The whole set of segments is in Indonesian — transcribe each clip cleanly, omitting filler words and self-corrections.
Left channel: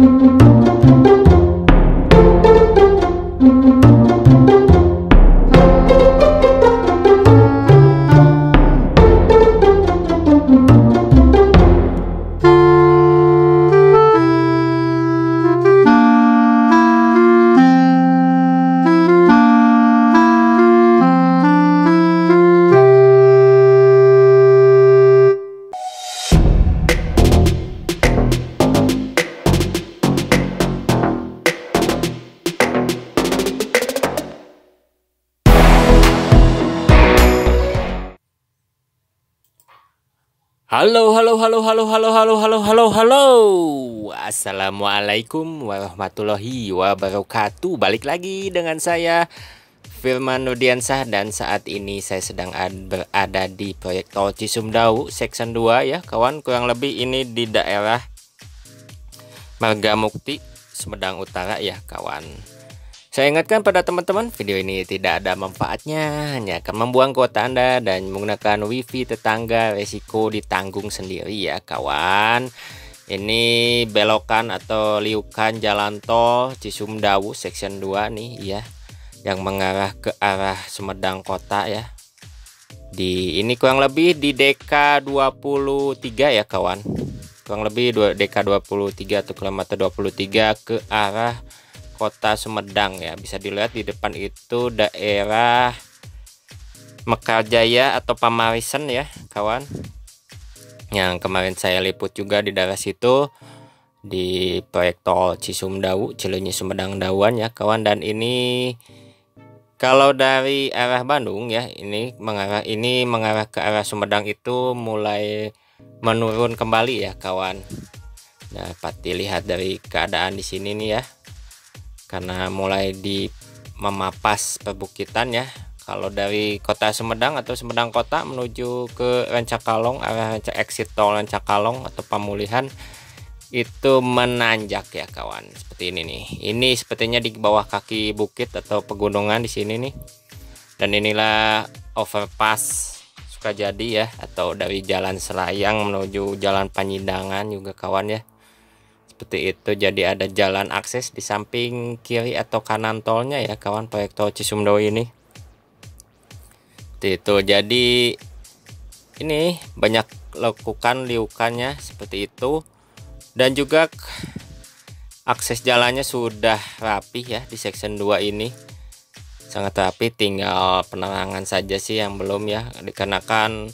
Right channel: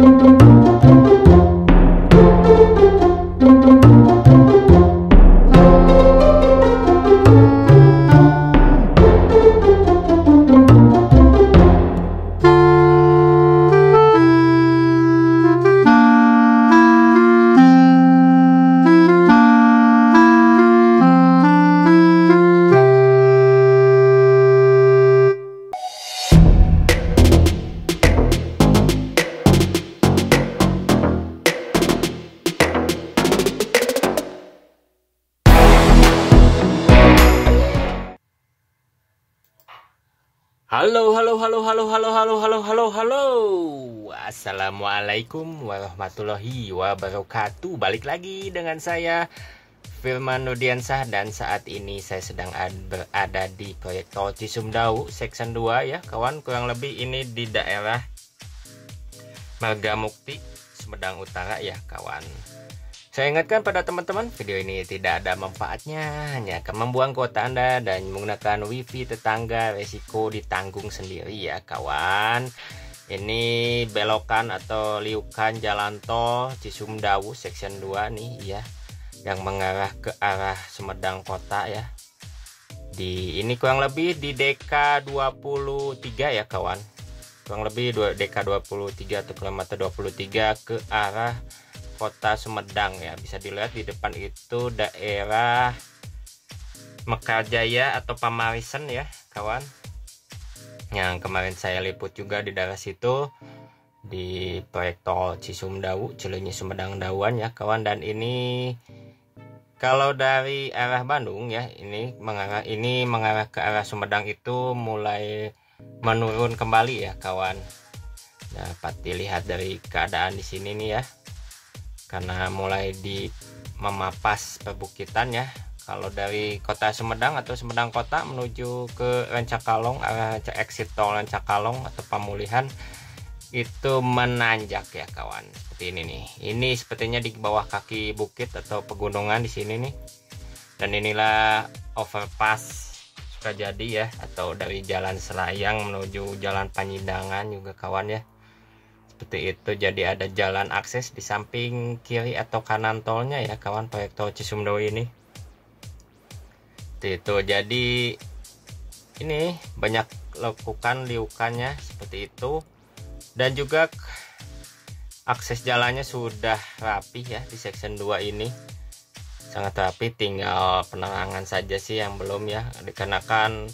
Halo. Assalamualaikum warahmatullahi wabarakatuh. Balik lagi dengan saya Firman Nudiansah, dan saat ini saya sedang berada di proyek tol Cisumdawu Section 2 ya kawan. Kurang lebih ini di daerah Margamukti, Sumedang Utara ya kawan. Saya ingatkan pada teman-teman, video ini tidak ada manfaatnya, hanya akan membuang kuota Anda dan menggunakan wifi tetangga, resiko ditanggung sendiri ya kawan. Ini belokan atau liukan jalan tol Cisumdawu Section 2 nih ya, yang mengarah ke arah Sumedang Kota ya. Ini kurang lebih di DK23 ya kawan. Kurang lebih DK23 atau kilometer 23 ke arah Kota Sumedang ya. Bisa dilihat di depan itu daerah Mekarjaya atau Pamarisan ya kawan, yang kemarin saya liput juga di daerah situ di proyek tol Cisumdawu Cileunyi Sumedang Dawuan ya kawan. Dan ini kalau dari arah Bandung ya, ini mengarah ke arah Sumedang itu mulai menurun kembali ya kawan. Dapat dilihat dari keadaan di sini nih ya, karena mulai memapas perbukitan ya. Kalau dari kota Sumedang atau Sumedang Kota menuju ke Rancakalong, arah exit tol Rancakalong atau Pamulihan, itu menanjak ya kawan, seperti ini nih. Ini sepertinya di bawah kaki bukit atau pegunungan di sini nih. Dan inilah overpass Sukajadi ya, atau dari Jalan Selayang menuju Jalan Panyidangan juga kawan ya. Seperti itu, jadi ada jalan akses di samping kiri atau kanan tolnya ya kawan, proyek tol Cisumdawu ini. Seperti itu, jadi ini banyak lekukan liukannya seperti itu, dan juga akses jalannya sudah rapi ya di section 2 ini, sangat rapi. Tinggal penerangan saja sih yang belum ya, dikarenakan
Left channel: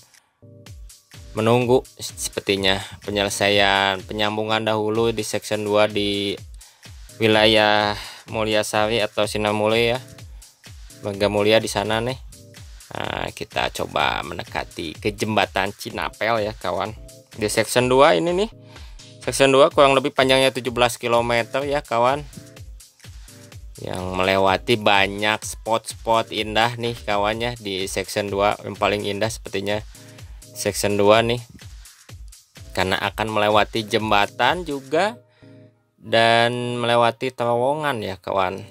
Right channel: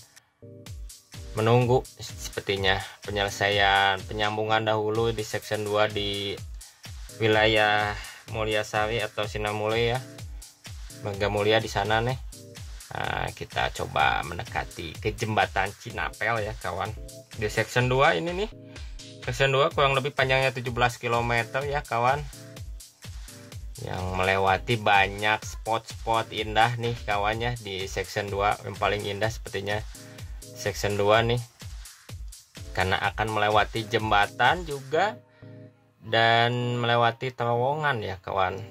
menunggu sepertinya penyelesaian penyambungan dahulu di section 2 di wilayah Mulyasari atau Sinamule ya, Margamulya di sana nih. Nah, kita coba mendekati ke jembatan Cinapel ya kawan. Di section 2 ini nih, section 2 kurang lebih panjangnya 17 km ya kawan, yang melewati banyak spot-spot indah nih kawannya. Di section 2 yang paling indah sepertinya section 2 nih, karena akan melewati jembatan juga dan melewati terowongan ya kawan.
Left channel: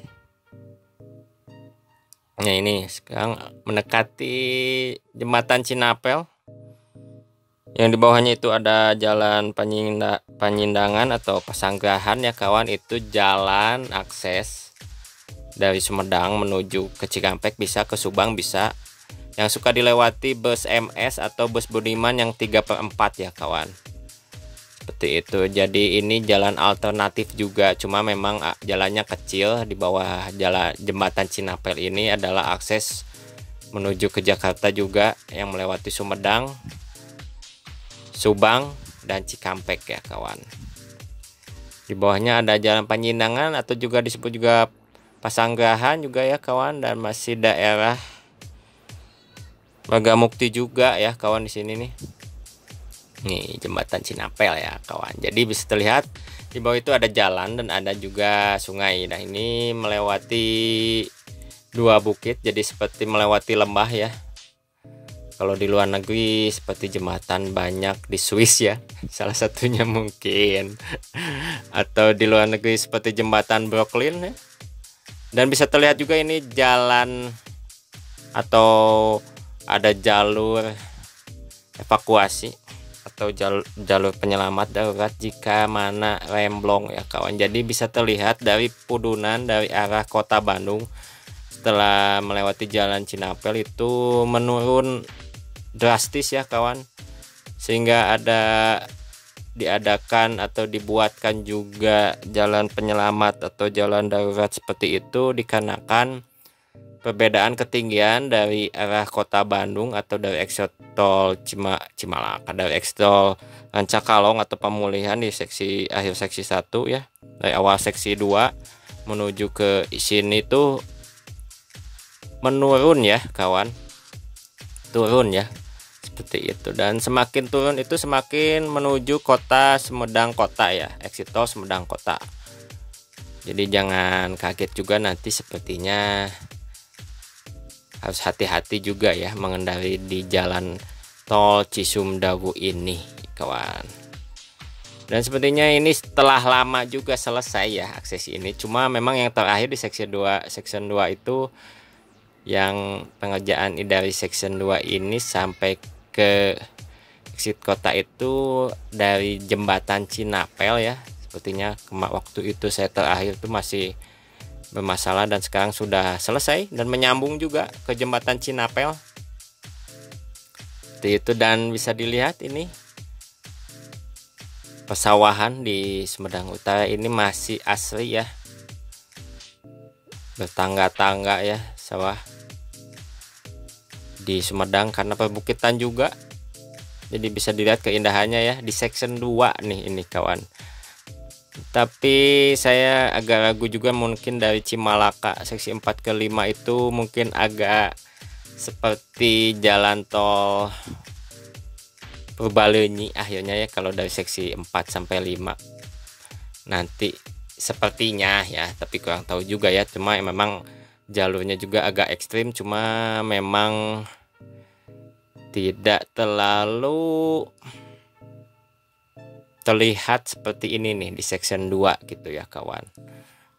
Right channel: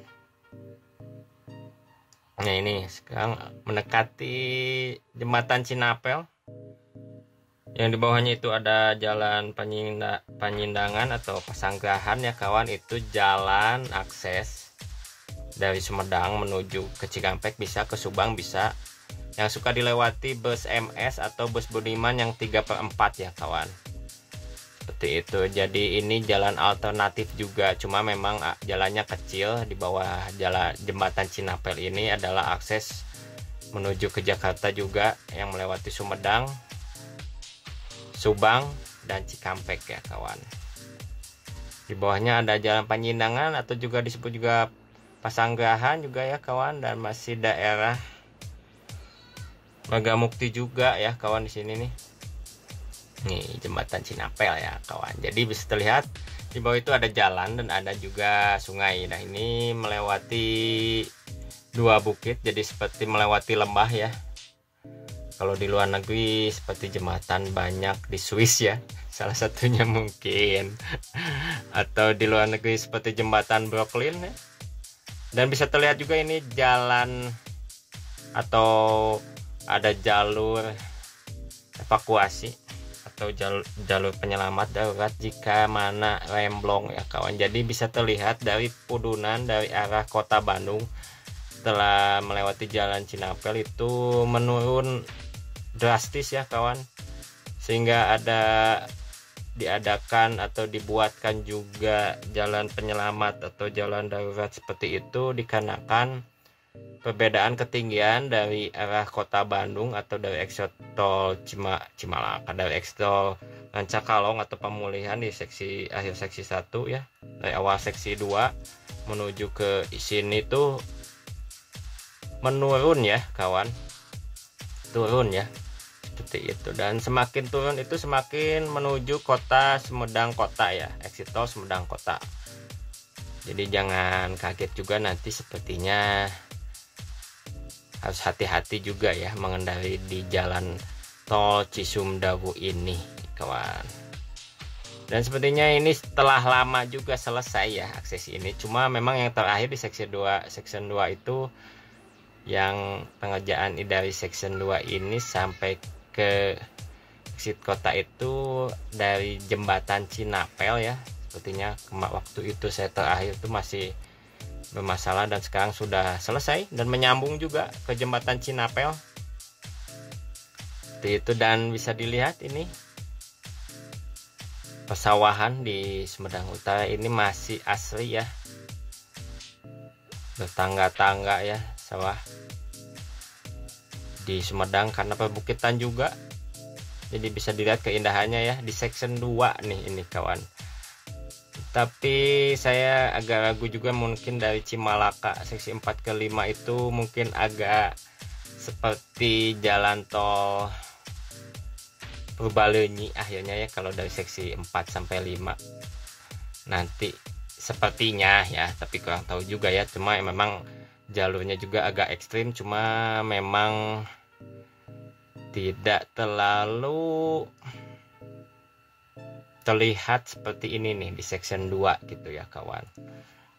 Nah, ini sekarang mendekati jembatan Cinapel, yang di bawahnya itu ada jalan Panyindangan atau Pasanggrahan ya kawan. Itu jalan akses dari Sumedang menuju ke Cikampek, bisa ke Subang bisa, yang suka dilewati bus MS atau bus Budiman yang 3/4 ya kawan. Seperti itu, jadi ini jalan alternatif juga, cuma memang jalannya kecil. Di bawah jalan jembatan Cinapel ini adalah akses menuju ke Jakarta juga, yang melewati Sumedang, Subang, dan Cikampek ya kawan. Di bawahnya ada jalan Panyindangan atau juga disebut juga Pasanggrahan juga ya kawan, dan masih daerah Margamukti juga ya kawan di sini nih. Nih jembatan Cinapel ya kawan. Jadi bisa terlihat di bawah itu ada jalan dan ada juga sungai. Nah, ini melewati dua bukit, jadi seperti melewati lembah ya. Kalau di luar negeri seperti jembatan banyak di Swiss ya, salah satunya mungkin. Atau di luar negeri seperti jembatan Brooklyn ya. Dan bisa terlihat juga ini jalan atau ada jalur evakuasi atau jalur penyelamat darurat jika mana remblong ya kawan. Jadi bisa terlihat dari Pudunan dari arah kota Bandung setelah melewati jalan Cinapel itu menurun drastis ya kawan, sehingga diadakan atau dibuatkan juga jalan penyelamat atau jalan darurat seperti itu dikarenakan perbedaan ketinggian dari arah kota Bandung atau dari exit tol Cimalaka, dari exit tol Rancakalong atau pemulihan di akhir seksi 1 ya, dari awal seksi 2 menuju ke sini tuh menurun ya kawan, turun ya seperti itu. Dan semakin turun itu semakin menuju kota Sumedang kota ya, exit tol Sumedang kota. Jadi jangan kaget juga, nanti sepertinya harus hati-hati juga ya mengendarai di jalan tol Cisumdawu ini kawan. Dan sepertinya ini setelah lama juga selesai ya akses ini, cuma memang yang terakhir di section 2 itu yang pengerjaan dari section 2 ini sampai ke exit kota itu dari jembatan Cinapel ya. Sepertinya waktu itu saya terakhir itu masih bermasalah dan sekarang sudah selesai dan menyambung juga ke jembatan Cinapel seperti itu. Dan bisa dilihat ini pesawahan di Sumedang Utara ini masih asri ya, bertangga-tangga ya sawah di Sumedang karena perbukitan juga. Jadi bisa dilihat keindahannya ya di section 2 nih ini kawan. Tapi saya agak ragu juga, mungkin dari Cimalaka seksi 4 ke 5 itu mungkin agak seperti jalan tol Purbalenyi akhirnya ya kalau dari seksi 4 sampai 5 nanti sepertinya ya, tapi kurang tahu juga ya. Cuma memang jalurnya juga agak ekstrim, cuma memang tidak terlalu terlihat seperti ini nih di section 2 gitu ya kawan.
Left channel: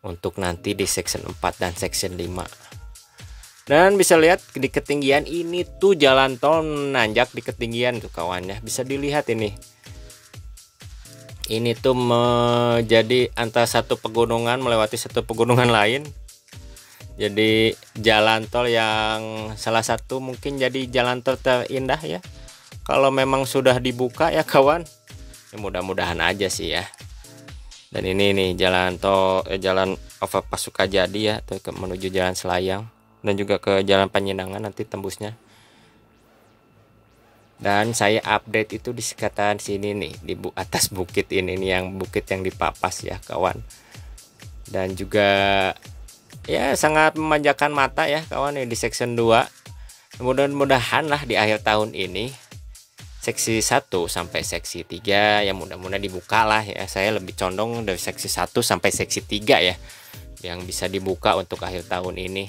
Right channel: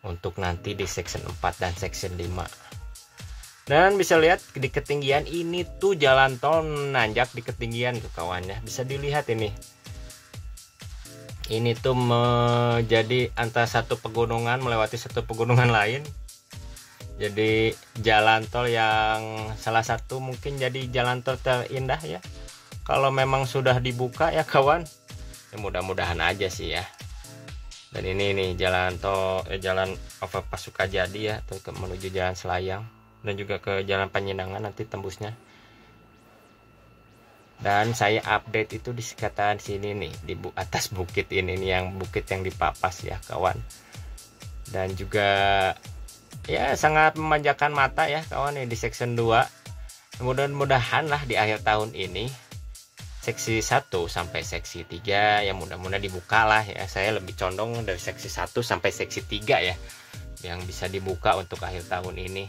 Untuk nanti di section 4 dan section 5. Dan bisa lihat di ketinggian ini tuh jalan tol nanjak di ketinggian tuh kawan ya. Bisa dilihat ini. Ini tuh menjadi antara satu pegunungan melewati satu pegunungan lain. Jadi jalan tol yang salah satu mungkin jadi jalan tol terindah ya kalau memang sudah dibuka ya kawan. Ya, mudah-mudahan aja sih ya. Dan ini nih jalan tol jalan overpass Sukajadi ya, menuju jalan Selayang dan juga ke jalan Panjenengan nanti tembusnya. Dan saya update itu di sekitaran sini nih di atas bukit ini nih, yang bukit yang dipapas ya kawan. Dan juga ya sangat memanjakan mata ya kawan ya di section 2. Mudah-mudahan lah di akhir tahun ini seksi 1 sampai seksi 3 ya mudah-mudahan dibuka lah ya. Saya lebih condong dari seksi 1 sampai seksi 3 ya yang bisa dibuka untuk akhir tahun ini,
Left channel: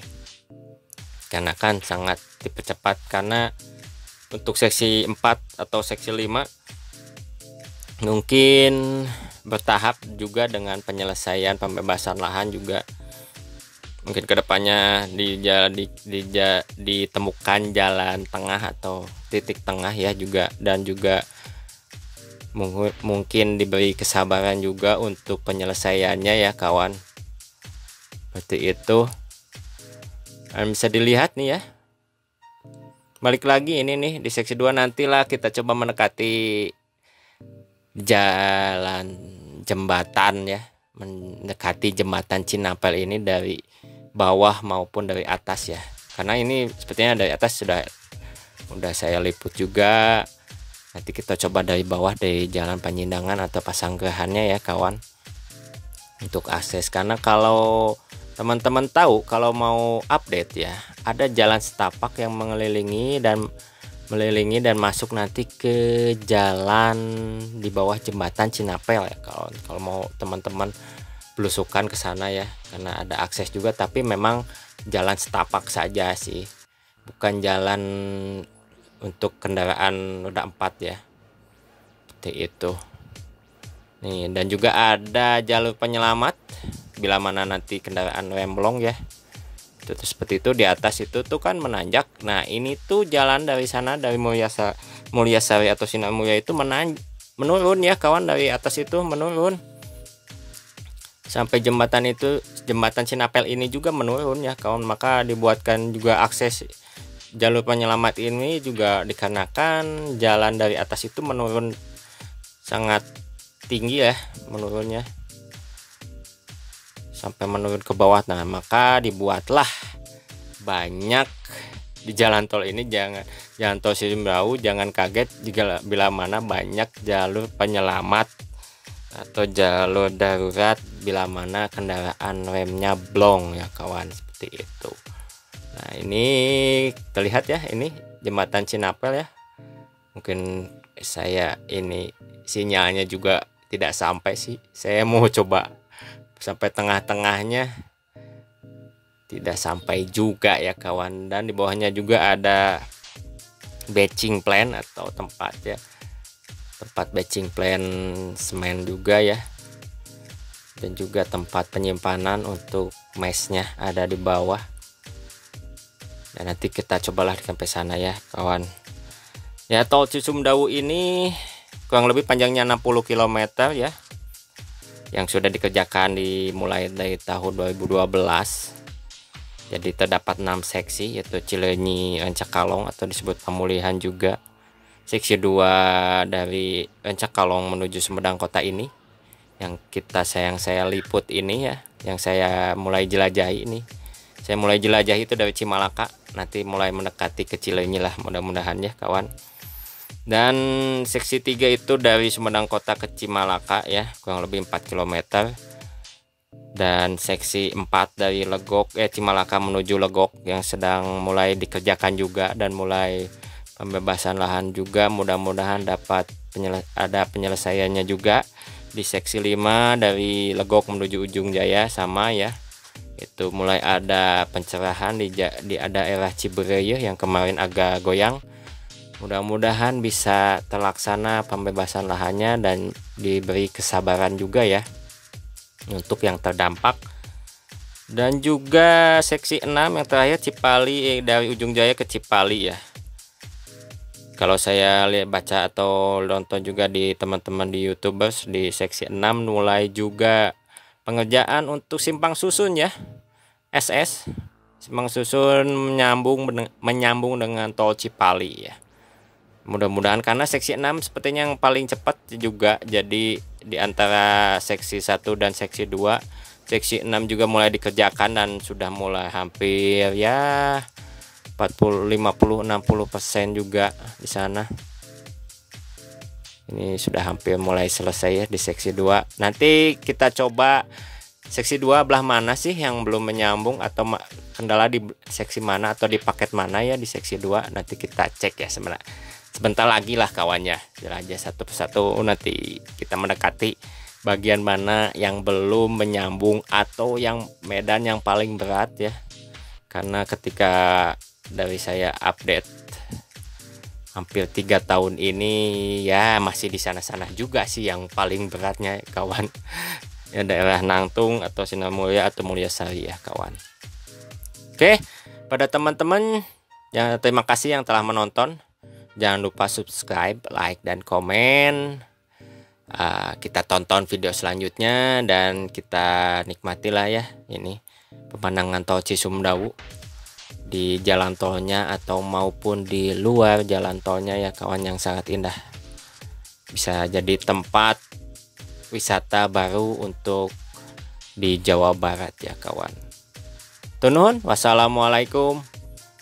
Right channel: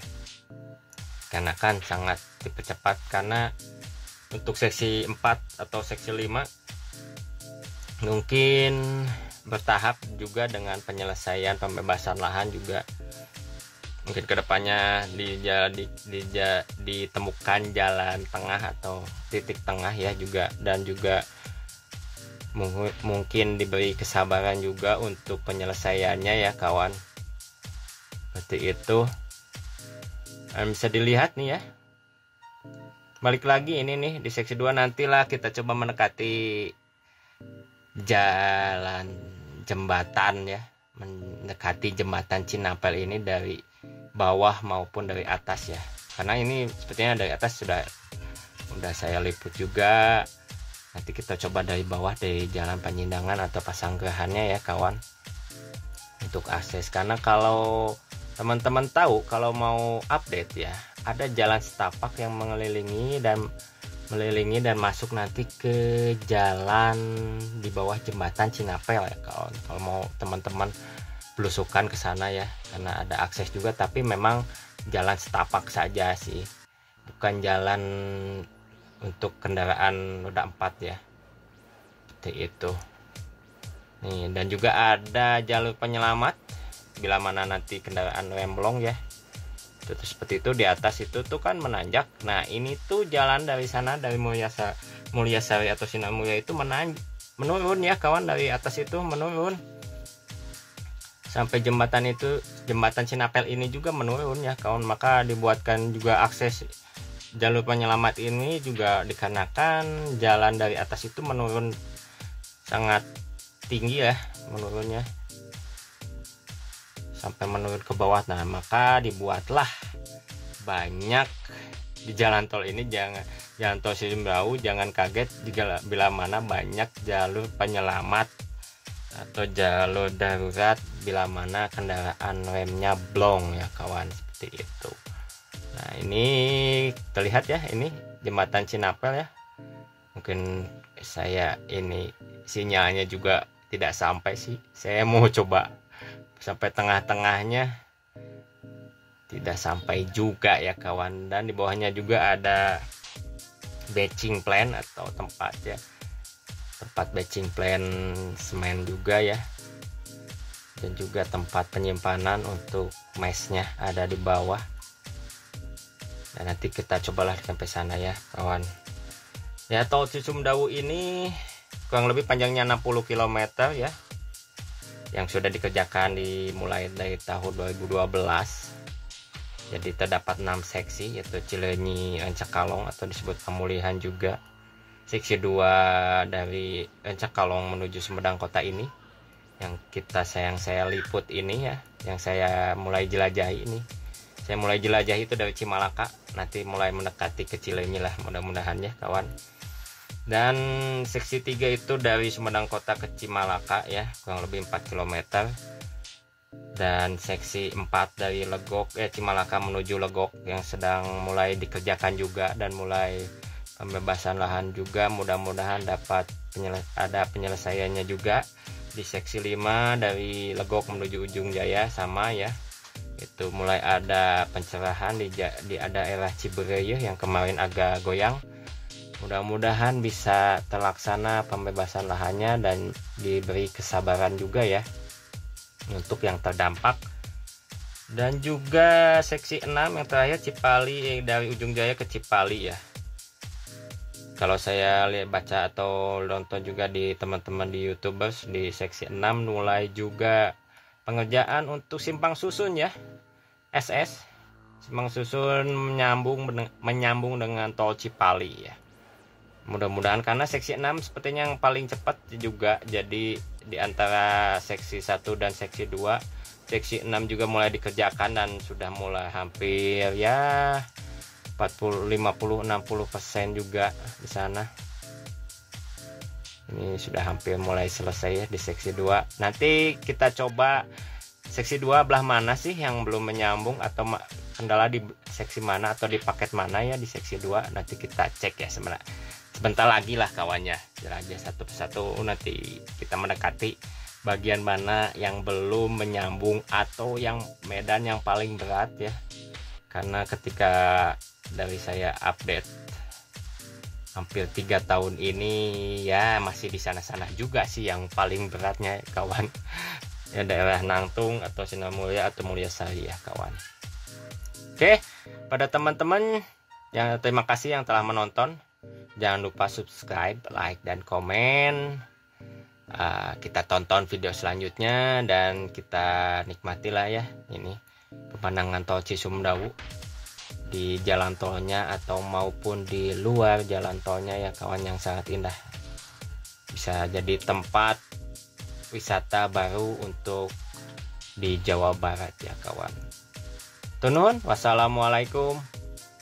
karena kan sangat dipercepat. Karena untuk seksi 4 atau seksi 5 mungkin bertahap juga dengan penyelesaian pembebasan lahan juga. Mungkin kedepannya ditemukan jalan tengah atau titik tengah ya juga, dan juga mungkin diberi kesabaran juga untuk penyelesaiannya ya kawan. Seperti itu. Dan bisa dilihat nih ya. Balik lagi ini nih di seksi 2, nantilah kita coba mendekati jalan jembatan ya, mendekati jembatan Cinapel ini dari bawah maupun dari atas ya, karena ini sepertinya dari atas sudah saya liput juga. Nanti kita coba dari bawah, dari jalan Panjenengan atau Pasanggerahannya ya kawan untuk akses. Karena kalau teman-teman tahu, kalau mau update ya, ada jalan setapak yang mengelilingi dan masuk nanti ke jalan di bawah jembatan Cinapel ya kawan. Kalau mau teman-teman belusukan ke sana ya, karena ada akses juga, tapi memang jalan setapak saja sih, bukan jalan untuk kendaraan roda 4 ya. Seperti itu nih. Dan juga ada jalur penyelamat bila mana nanti kendaraan remblong ya. Itu seperti itu, di atas itu tuh kan menanjak. Nah ini tuh jalan dari sana, dari Mulyasari atau Sinar Mulya itu menurun ya kawan, dari atas itu menurun sampai jembatan itu, jembatan Sinapel ini juga menurun ya kawan. Maka dibuatkan juga akses jalur penyelamat ini juga dikarenakan jalan dari atas itu menurun sangat tinggi ya, menurunnya sampai menurun ke bawah. Nah, maka dibuatlah banyak di jalan tol ini. Jalan tol Cisumdawu, jangan kaget jika bila mana banyak jalur penyelamat atau jalur darurat bila mana kendaraan remnya blong ya kawan, seperti itu. Nah, ini terlihat ya, ini jembatan Sinapel ya. Mungkin saya ini sinyalnya juga tidak sampai sih, saya mau coba sampai tengah-tengahnya, tidak sampai juga ya kawan. Dan di bawahnya juga ada batching plant atau tempat batching plant semen juga ya, dan juga tempat penyimpanan untuk mesnya ada di bawah. Dan nanti kita cobalah sampai sana ya kawan. Ya, tol Cisumdawu ini kurang lebih panjangnya 60 km ya, yang sudah dikerjakan dimulai dari tahun 2012. Jadi terdapat 6 seksi, yaitu Cileunyi Rancakalong atau disebut Pemulihan juga. Seksi 2 dari Rancakalong menuju Sumedang Kota ini yang saya liput ini ya, yang saya mulai jelajahi ini. Saya mulai jelajahi itu dari Cimalaka, nanti mulai mendekati ke Cileunyi lah mudah-mudahan ya kawan. Dan seksi 3 itu dari Sumedang Kota ke Cimalaka ya, kurang lebih 4 km. Dan seksi 4 dari Cimalaka menuju Legok yang sedang mulai dikerjakan juga, dan mulai pembebasan lahan juga, mudah-mudahan dapat ada penyelesaiannya juga. Di seksi 5 dari Legok menuju Ujung Jaya sama ya, itu mulai ada pencerahan di daerah Cibereyeuh yang kemarin agak goyang. Mudah-mudahan bisa terlaksana pembebasan lahannya dan diberi kesabaran juga ya untuk yang terdampak. Dan juga seksi 6 yang terakhir Cipali, dari Ujung Jaya ke Cipali ya. Kalau saya baca atau nonton juga di teman-teman di YouTubers, di seksi 6 mulai juga pengerjaan untuk simpang susun ya, SS simpang susun menyambung dengan tol Cipali ya. Mudah-mudahan, karena seksi 6 sepertinya yang paling cepat juga. Jadi di antara seksi 1 dan seksi 2, seksi 6 juga mulai dikerjakan dan sudah mulai hampir ya 40-50-60% juga di sana. Ini sudah hampir mulai selesai ya di seksi 2. Nanti kita coba seksi 2 belah mana sih yang belum menyambung, atau kendala di seksi mana atau di paket mana ya di seksi 2. Nanti kita cek ya sebentar lagi lah kawannya. Jelajah satu persatu, nanti kita mendekati bagian mana yang belum menyambung atau yang medan yang paling berat ya. Karena ketika dari saya update hampir 3 tahun ini ya, masih di sana-sana juga sih yang paling beratnya kawan ya, daerah Nangtung atau Sinar Mulya atau Mulyasari ya kawan. Oke, pada teman-teman ya, terima kasih yang telah menonton. Jangan lupa subscribe, like, dan komen. Kita tonton video selanjutnya dan kita nikmatilah ya ini pemandangan tol Cisumdawu di jalan tolnya atau maupun di luar jalan tolnya ya kawan, yang sangat indah. Bisa jadi tempat wisata baru untuk di Jawa Barat ya kawan. Tunun, wassalamualaikum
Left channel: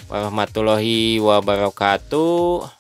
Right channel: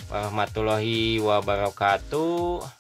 warahmatullahi wabarakatuh.